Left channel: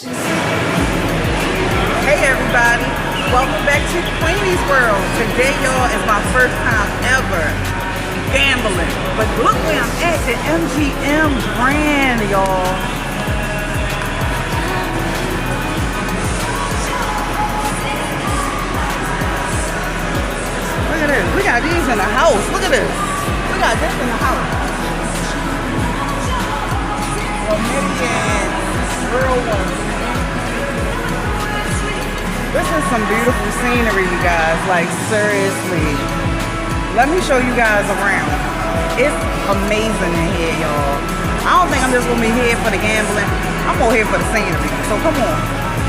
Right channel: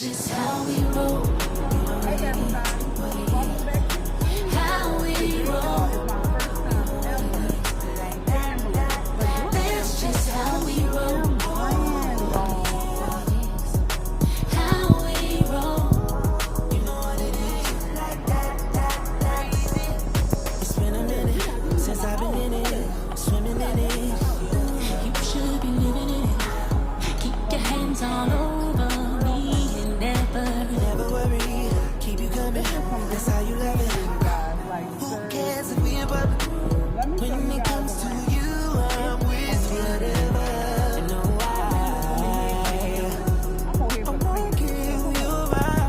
Hey everybody, welcome back to Queenie's World. Today, y'all, is my first time ever gambling. But look where I'm at, the MGM brand, y'all. Look at this, we got these in the house. Look at this, we got this in the house. This is some beautiful scenery, you guys. Like, seriously. Let me show you guys around. It's amazing in here, y'all. I don't think I'm just gonna be here for the gambling. I'm more here for the scenery. So come on.